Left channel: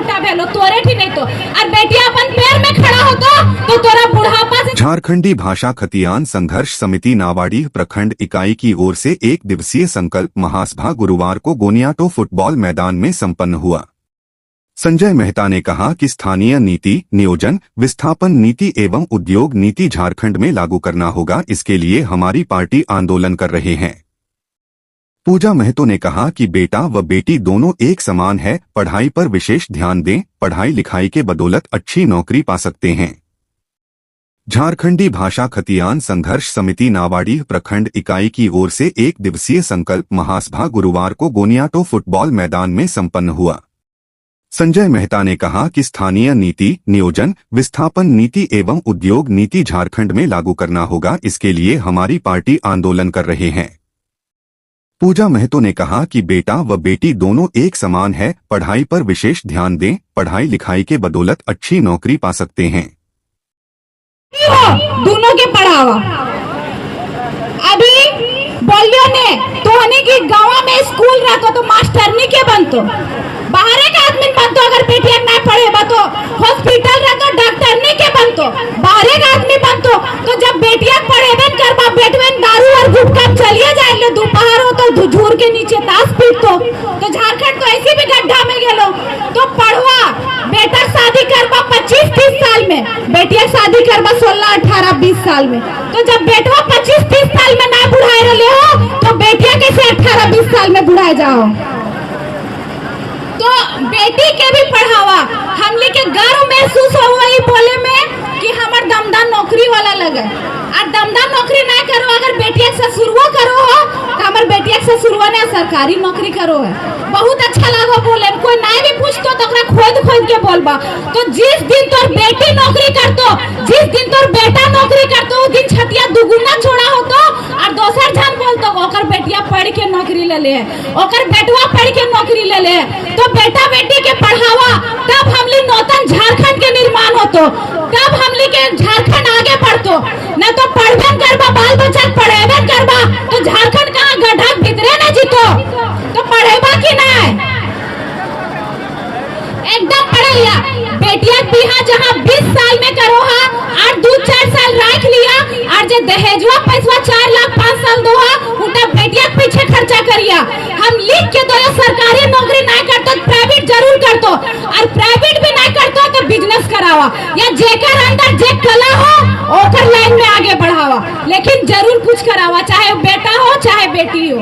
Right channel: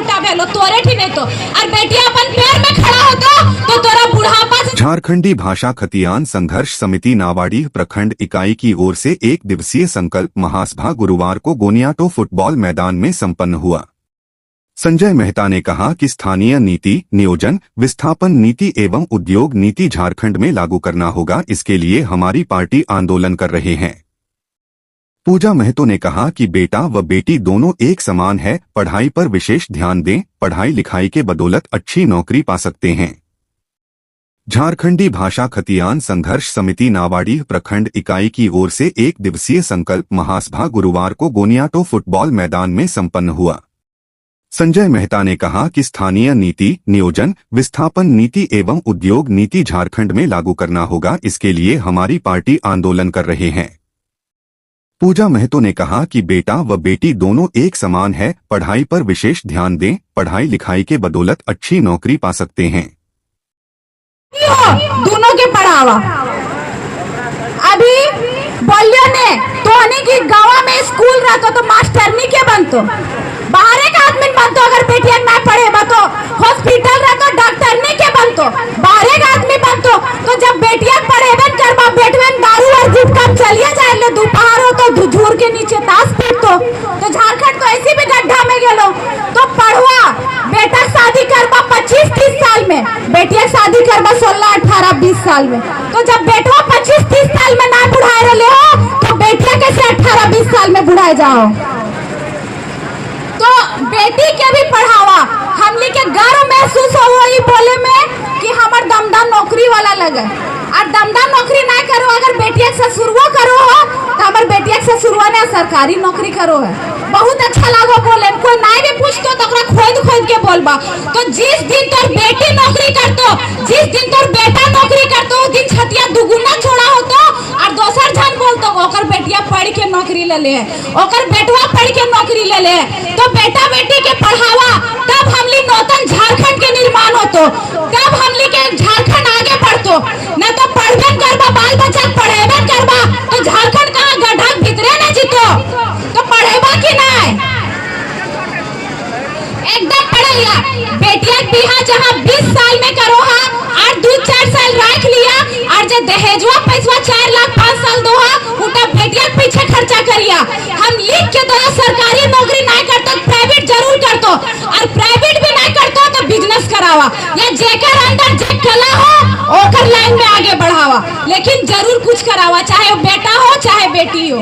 उठा भेलो तोरे ठीक नहीं तो और बेटिया अपन पैर में खड़ा हो तो तोरा बुढ़ापा से। झारखंडी भाषा खतियान संघर्ष समिति नावाडीह प्रखंड इकाई की ओर से एक दिवसीय संकल्प महासभा गुरुवार को गोनियाटो फुटबॉल मैदान में संपन्न हुआ। संजय मेहता ने कहा कि स्थानीय नीति, नियोजन, विस्थापन नीति एवं उद्योग नीति झारखंड में लागू करना होगा, इसके लिए हमारी पार्टी आंदोलन कर रहे हैं। पूजा महतो ने कहा कि बेटा व बेटी दोनों एक समान है, पढ़ाई पर विशेष ध्यान दें, पढ़ाई लिखाई के बदौलत अच्छी नौकरी पा सकते हैं। झारखंडी भाषा खतियान संघर्ष समिति नावाडीह प्रखंड इकाई की ओर से एक दिवसीय संकल्प महासभा गुरुवार को गोनियाटो फुटबॉल मैदान में संपन्न हुआ। संजय मेहता ने कहा कि स्थानीय नीति, नियोजन, विस्थापन नीति एवं उद्योग नीति झारखंड में लागू करना होगा, इसके लिए हमारी पार्टी आंदोलन कर रहे हैं। पूजा महतो ने कहा कि बेटा व बेटी दोनों एक समान है, पढ़ाई पर विशेष ध्यान दें, पढ़ाई लिखाई के बदौलत अच्छी नौकरी पा सकते हैं। दोनों के पढ़ावा अभी बोलियो ने तो की गाँव में स्कूल रहता तो मास्टरनी के बनतो, बाहर एक आदमी बनतो, अगर बेटिया ना पढ़े तो हॉस्पिटल रहतो डॉक्टरनी के बनतो, बाहर एक आदमी बनतो। तो जब बेटिया पढ़ेबे करबा बेटवे दारू और गुटखा चलिए जाए लो, दोपहर हो तो झूर के नीचे ताश पीटतो। तो झारखंड तो ऐसी भी गड्ढा में गेलो। तो पढ़वा बेटा शादी करबा 25-30 साल में, बेटिया शादी करबा 16-18-20 साल में। तो जब बेटवा 25-30 साल में ना बुढ़ाए रहे हो तो बेटिया कैसे 18-20 साल में बुढ़ाए जाओ। तो बेटी के भी पढ़ावा, हमले के गर्व महसूस हो वही बोले में कि हमार दमदार नौकरी वाला लगे। और दमदार नौकरी ना करो, अगर बेटिया ससुरवा करो हो तो हमार बेटिया ससुरवा ने सरकारी नौकरी करो है, बहुत अच्छा लागो बोले। कोई ना भी पूछतो तो खोद के बोलबा। तो जिस दिन तोर बेटी नौकरी करतो, जिस दिन तोर बेटा नौकरी करतो, उस दिन छतिया दुगुना छोड़ा होतो और दोसर जन बोलतो ओकर बेटिया पढ़ के नौकरी ले ले, ओकर बेटवा पढ़ के नौकरी ले ले। तो बेटा बेटी के पढ़ावा, तब हमली नूतन झारखंड के निर्माण होतो, तब हमली के झारखंड आगे बढ़तो। न तो पढ़बे करबा, बाल बच्चा पढ़ेबे करबा तो झारखंड कहाँ गड्ढा भीतरे न जीतो। तो पढ़ेबा कि नहीं, एकदम पढ़िया। बेटिया बिहा जहाँ 20 साल में करो हा और 2-4 साल रख लिया और जो दहेजवा पैसा 4 लाख 5 साल दो हा, उल्टा बेटिया पीछे खर्चा करिया। हम लिख के दो सरकारी नौकरी नहीं करतो तो प्राइवेट जरूर करतो, और प्राइवेट भी नहीं करतो तो बिजनेस करावा, या जेकर अंदर जे कला हो ओकर लाइन में आगे बढ़ावा, लेकिन जरूर कुछ करावा, चाहे बेटा हो चाहे बेटी हो।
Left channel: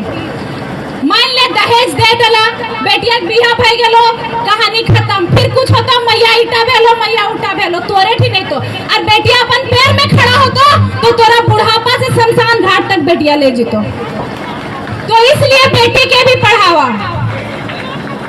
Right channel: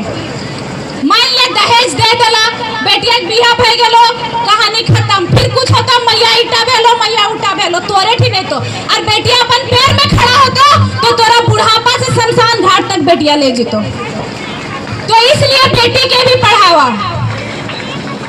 मान ले दहेज दे दला, बेटिया बिहा भय गेलो, कहानी खत्म। फिर कुछ होता मैया ईटा भेलो, मैया उठा भेलो, तोरे ठीक नहीं तो और बेटिया अपन पैर में खड़ा होतो तो तोरा बुढ़ापा से शमशान घाट तक बेटिया ले जीतो। तो इसलिए बेटी के भी पढ़ावा,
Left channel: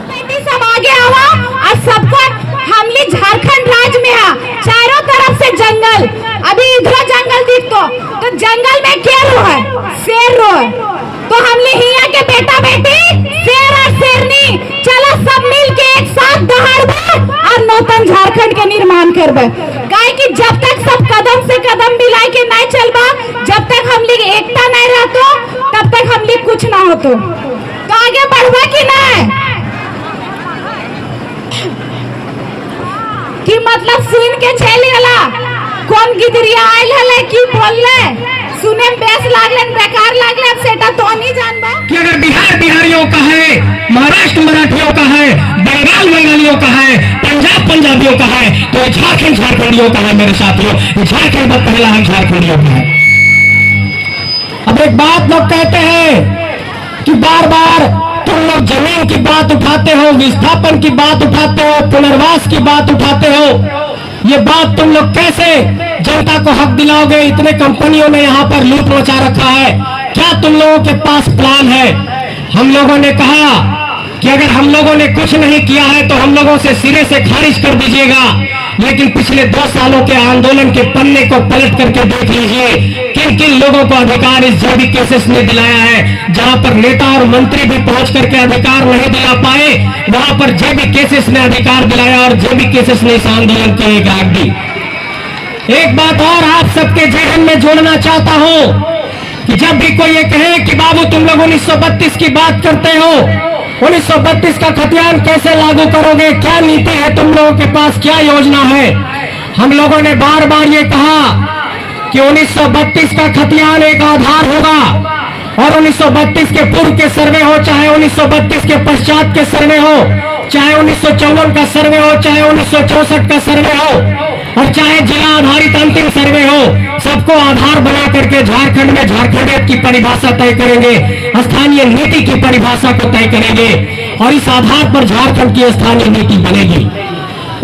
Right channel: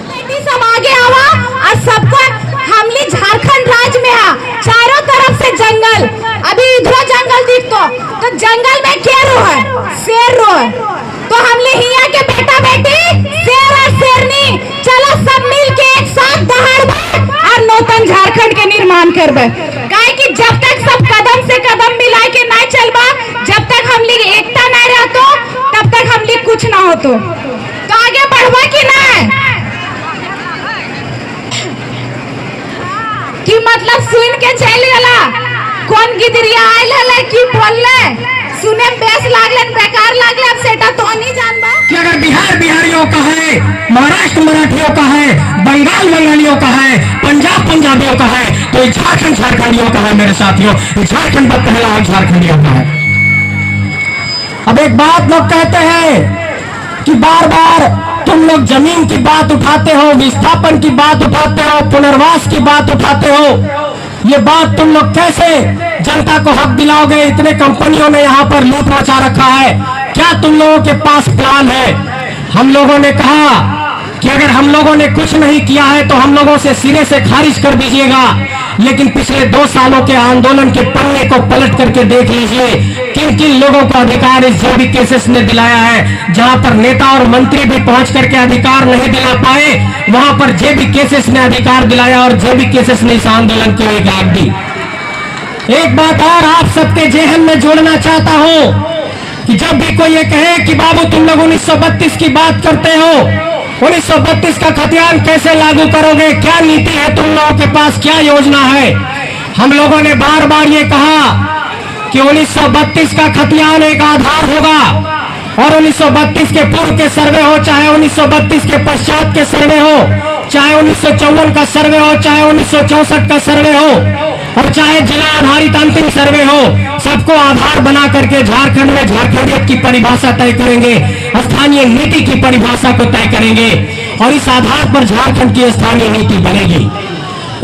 बेटी सब आगे आवा। और सबको हमली झारखंड राज्य में आ, चारों तरफ से जंगल, अभी इधर जंगल दिखतो तो जंगल में क्या रो है, शेर रो है। तो हमले हिया के बेटा बेटी शेर और शेरनी चलो सब मिल के एक साथ दहाड़बे और नूतन झारखंड के निर्माण करबे। काहे कि जब तक सब कदम से कदम मिला के नहीं चलबा, जब तक हमले एकता नहीं रहतो तब तक हमले कुछ ना होतो। तो आगे बढ़बा कि नहीं, कि मतलब सुन के चल गेला, कौन गिदरिया आइल है कि बोलले सुने बेस लागलन, बेकार लागले, अब सेटा तो नहीं जानबा कि अगर बिहार बिहारियों का है, महाराष्ट्र मराठियों का है, बंगाल बंगालियों का है, पंजाब पंजाबियों का है, तो झारखंड झारखंडियों का है। मेरे साथियों, झारखंड पहला हक झारखंडियों का है। अब एक बात लोग कहते हैं कि बार बार तुम लोग जमीन की बात उठाते हो, विस्थापन की बात उठाते हो, पुनर्वास की बात उठाते हो। ये बात तुम लोग कैसे जनता को हक दिलाओगे? इतने कंपनियों ने यहाँ पर लूट मचा रखा है, क्या तुम लोगों के पास प्लान है? हम लोगों ने कहा कि अगर हम लोगों ने कुछ नहीं किया है तो हम लोगों से सिरे से खारिज कर दीजिएगा, लेकिन पिछले 2 सालों के आंदोलन के पन्ने को पलट करके देख लीजिए किन किन लोगों को अधिकार इस जेबी केसेस ने दिलाया है। जहां पर नेता और मंत्री भी पहुंच करके अधिकार नहीं दिला पाए, वहां पर जेबी केसेस ने अधिकार दिलाया और जेबी केसेस ने इस आंदोलन की एक आग दी। एक बात और आप सबके जहन में जोड़ना चाहता हूं कि जब भी कोई ये कहे कि बाबू तुम लोग 1932 की बात करते हो, 1932 का खतियान कैसे लागू करोगे? क्या नीति है तुम लोगों के पास? क्या योजना है? हम लोगों ने बार बार ये कहा कि 1932 का खतियान एक आधार होगा और 1932 के पूर्व के सर्वे हो, चाहे 1932 के पश्चात के सर्वे हो, चाहे 1954 का सर्वे हो, चाहे 1964 का सर्वे हो और चाहे जिला आधारित अंतिम सर्वे हो, सबको आधार बना करके झारखंड में झारखंडियत की परिभाषा तय करेंगे, स्थानीय नीति की परिभाषा को तय करेंगे और इस आधार पर झारखंड की स्थानीय नीति बनेगी।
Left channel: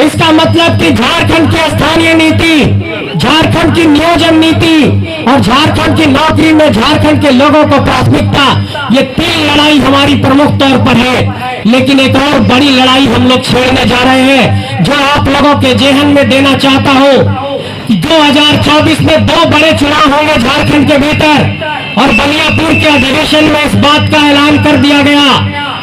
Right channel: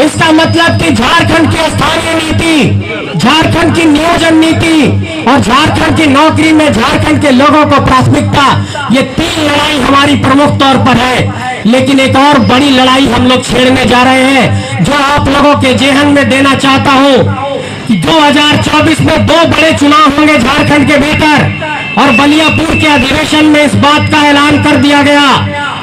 इसका मतलब कि झारखंड की स्थानीय नीति, झारखंड की नियोजन नीति और झारखंड की नौकरी में झारखंड के लोगों को प्राथमिकता, ये 3 लड़ाई हमारी प्रमुख तौर पर है। लेकिन एक और बड़ी लड़ाई हम लोग छेड़ने जा रहे हैं, जो आप लोगों के जेहन में देना चाहता हूं कि 2024 में 2 बड़े चुनाव होंगे झारखंड के भीतर और बलियापुर के अधिवेशन में इस बात का ऐलान कर दिया गया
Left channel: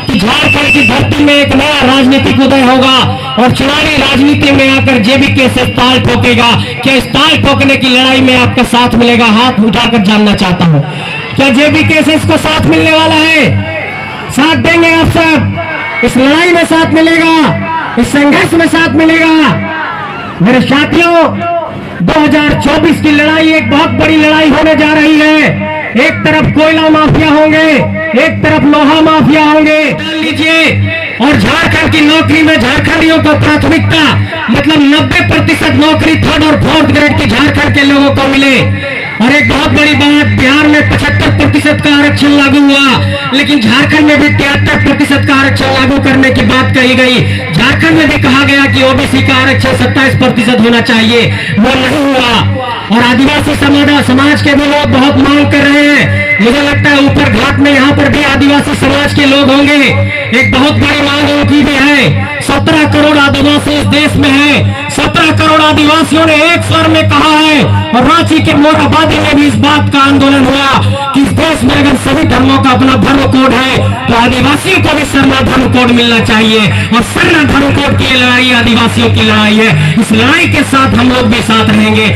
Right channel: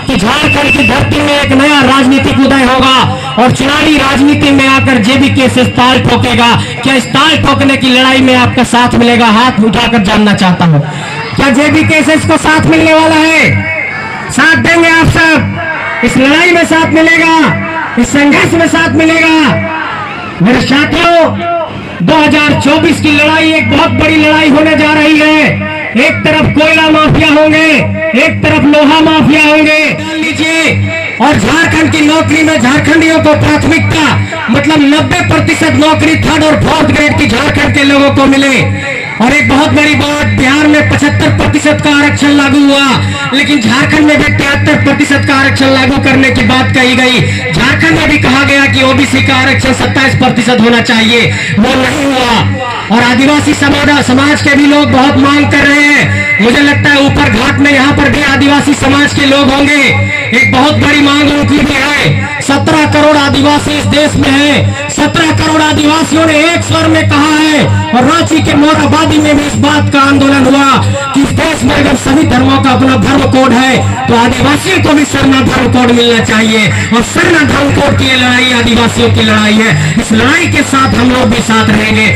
कि झारखंड की धरती में एक नया राजनीतिक उदय होगा और चुनावी राजनीति में आकर जेबीके से ताल ठोकेगा। क्या इस ताल ठोकने की लड़ाई में आपका साथ मिलेगा? हाथ उठाकर जानना चाहता हूं। क्या जेबीके से इसको साथ मिलने वाला है? साथ देंगे आप सब? इस लड़ाई में साथ मिलेगा, इस संघर्ष में साथ मिलेगा। मेरे साथियों, 2024 की लड़ाई एक बहुत बड़ी लड़ाई होने जा रही है। एक तरफ कोयला माफिया होंगे, एक तरफ लोहा माफिया होंगे। मान लीजिए, और झारखंड की नौकरी में झारखंडियों को प्राथमिकता, मतलब 90% नौकरी 3rd और 4th ग्रेड की झारखंड के लोगों को मिले। और एक बहुत बड़ी बात, बिहार में 75% का आरक्षण लागू हुआ, लेकिन झारखंड में भी 73% का आरक्षण लागू करने की बात कही गई। झारखंड में भी कहा गया कि ओबीसी का आरक्षण 27% होना चाहिए, वो नहीं हुआ। और आदिवासी समाज के भी लोग बहुत मांग कर रहे हैं। मुझे लगता है ऊपर घाट में यहाँ पर भी आदिवासी समाज के लोग होंगे। एक बहुत बड़ी मांग उनकी भी है। 17 करोड़ आदिवासी इस देश में है। 17 करोड़ आदिवासियों ने एक स्वर में कहा है और रांची के मोरहाबादी में भी इस बात का आंदोलन हुआ कि इस देश में अगर सभी धर्मों का अपना धर्म कोड है तो आदिवासियों को भी सरना धर्म कोड मिलना चाहिए और सरना धर्म कोड की लड़ाई आदिवासियों की लड़ाई है। इस लड़ाई के साथ हम लोग भी साथ रहेंगे।